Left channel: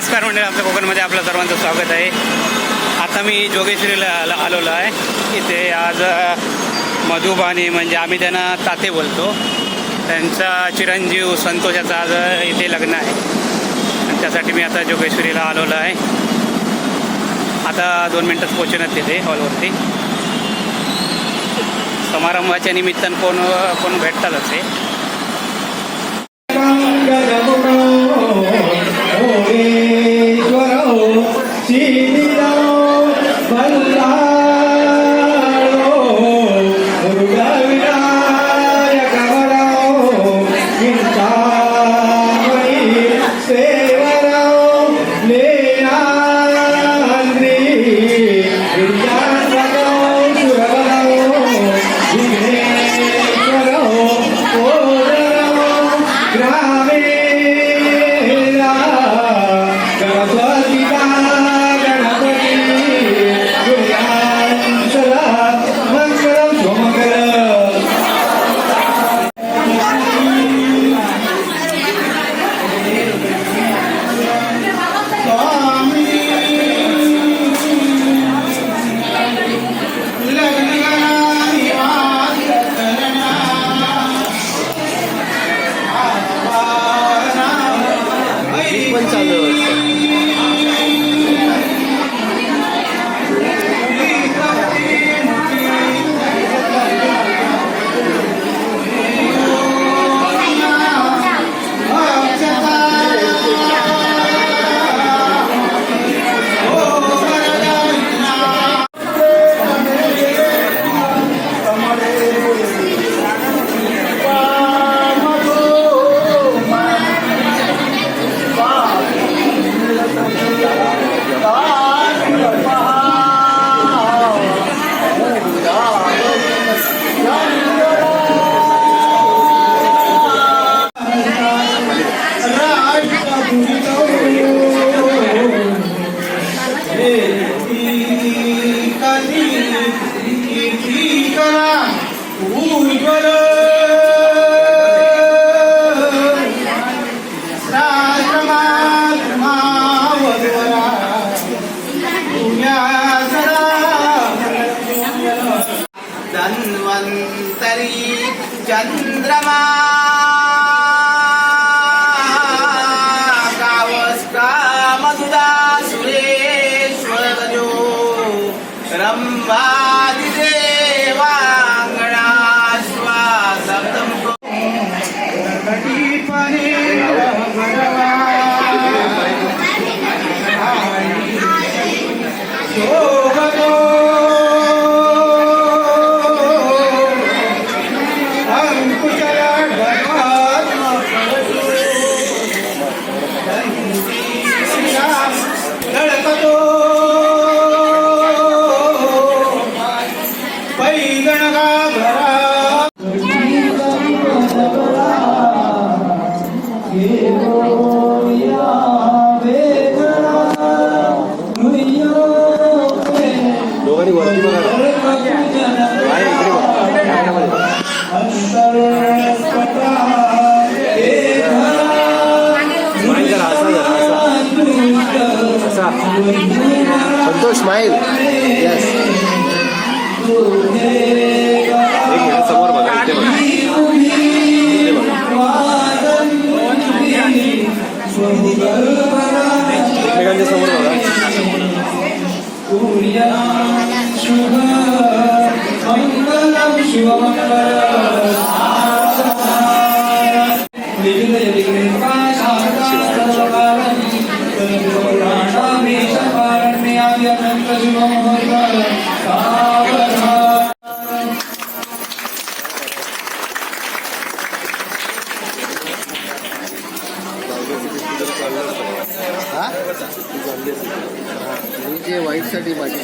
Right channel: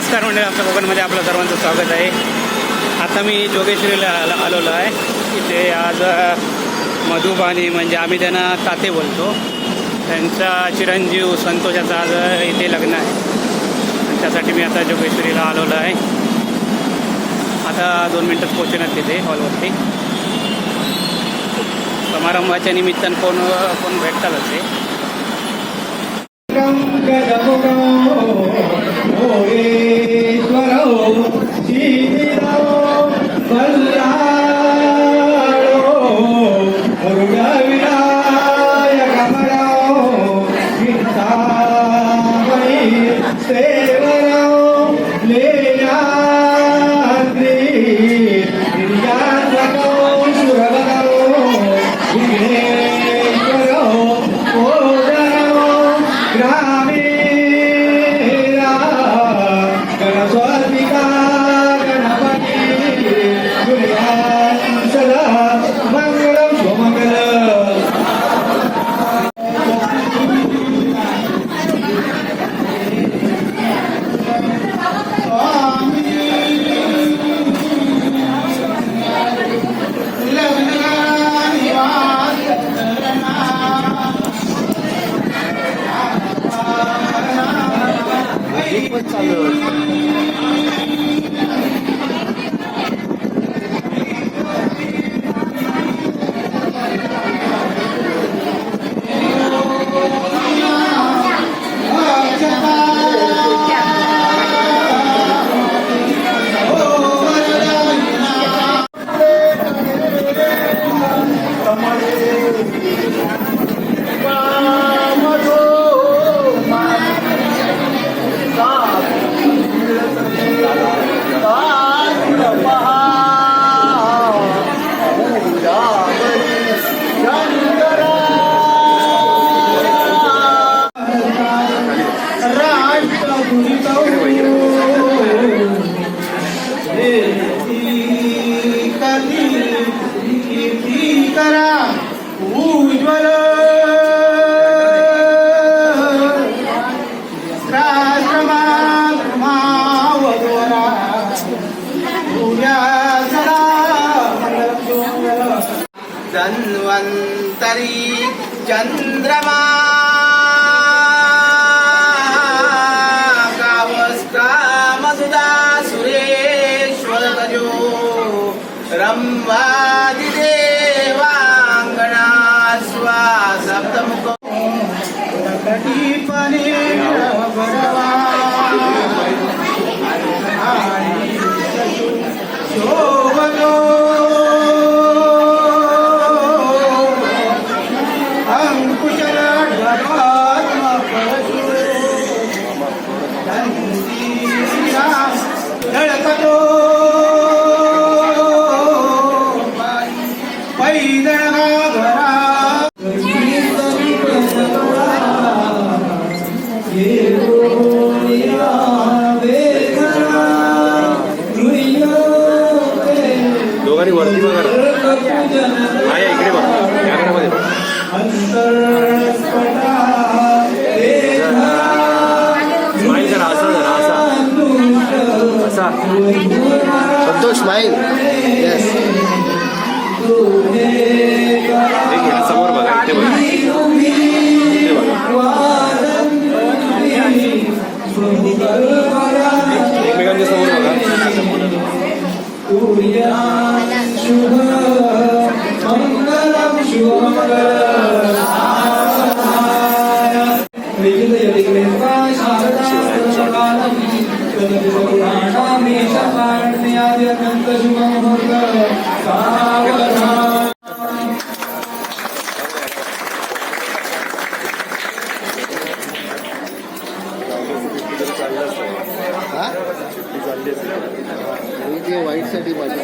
नमस्कार मंडळी, आमच्या कोकणमध्ये आपलं सर्वांचं स्वागत आहे. आता मी जोगेश्वरीला आलेलो आहे. इथे आज मधुबानी म्हणजे आम्ही त्यांना ताते बोलतो, त्यांचा चिरंजीव संतोषाचं आज इथे लग्न आहे आणि त्यासाठी मी आता जोगेश्वरीला आलेलो आहे. आता 2 मिनिटात पोहोचणार तिथे हॉलवरती. समारंभाच्या निमित्तानं कोण भेटतातच आहे. धन्वंतरी चंद्रमा गावस्का मधुदा सुरेश्वर तजो रंभादि देवांगना स्वा सप्तमुखो कटीपने शोभतो दोघांनी वरती बघा आहे इकडे बघा संतोष स्माईल समोर बघा एकमेकांच्या समोर बघा. शुभ मंगलम वाईट साठी माझी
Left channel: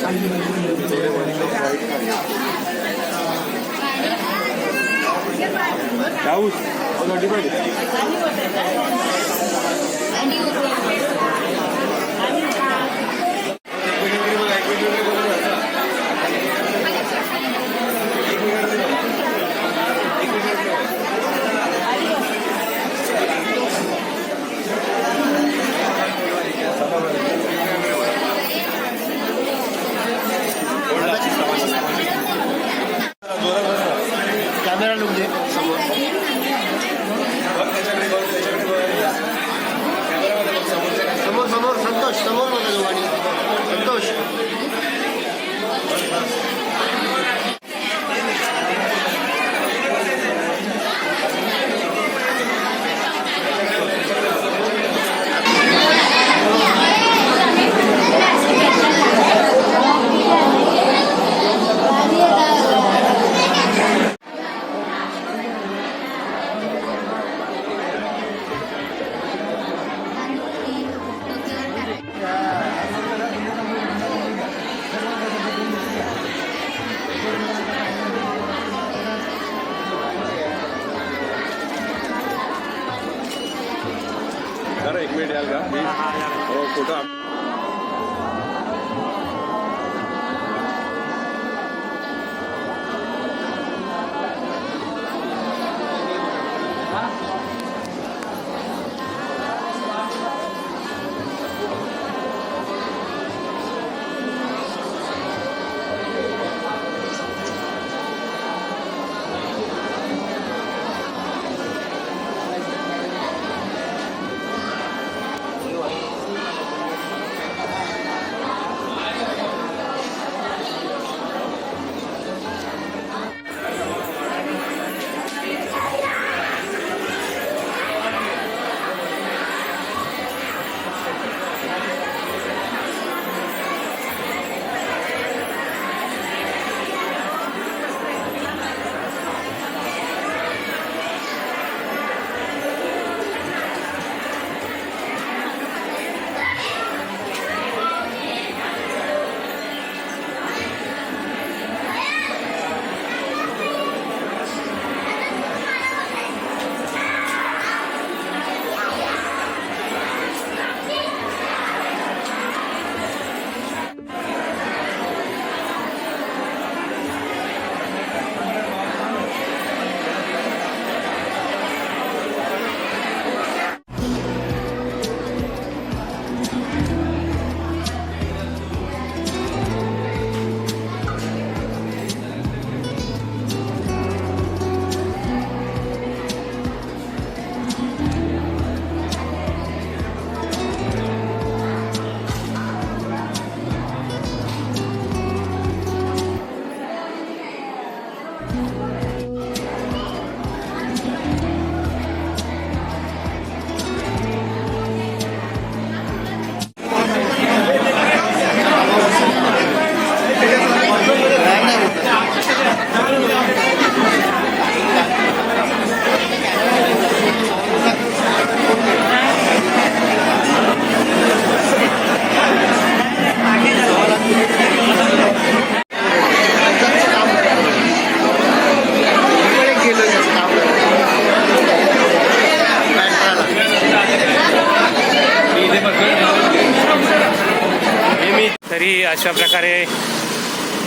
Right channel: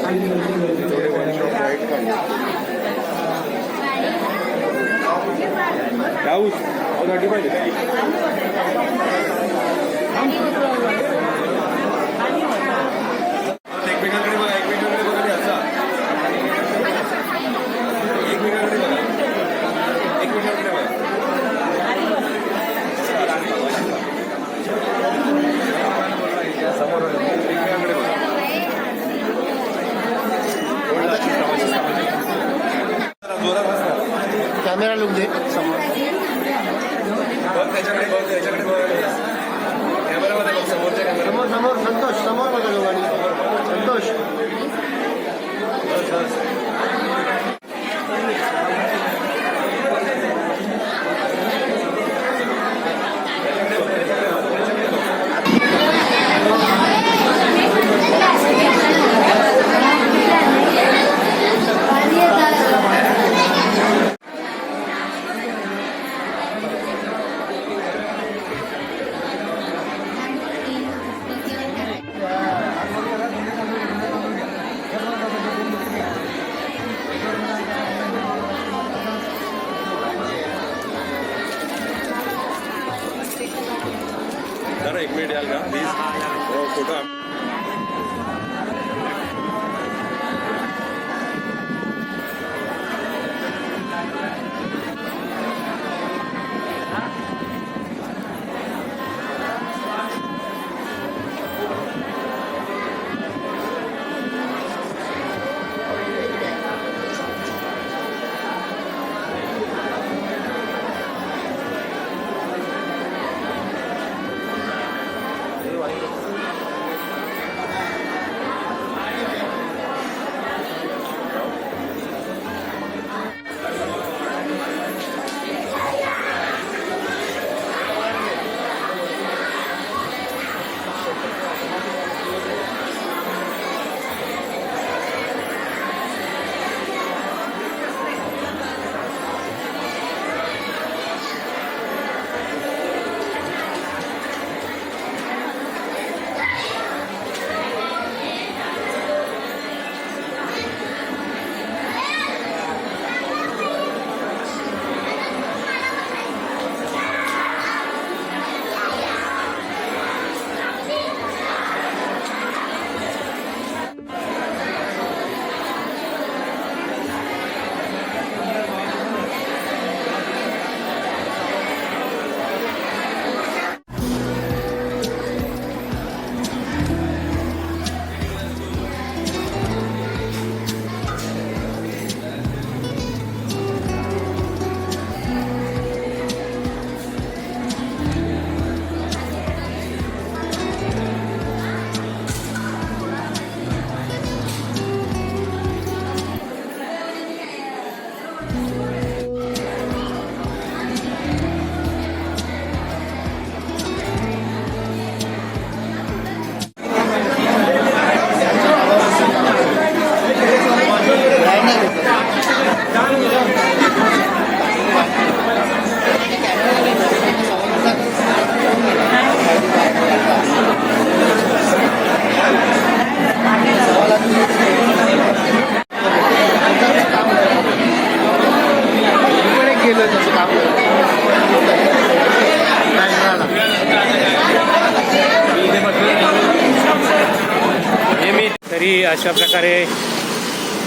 घरी अशा प्रकारे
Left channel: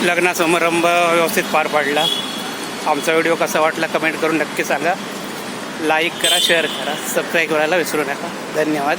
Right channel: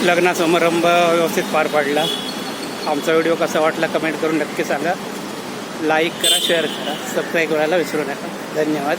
लग्न समारंभ व्यवस्थित पार पडला. आमचा व्हिडिओ कसा वाटला कमेंट करून नक्की सांगा. लाईक करा, शेअर करा, सबस्क्राईब करायला विसरू नका. धन्यवाद.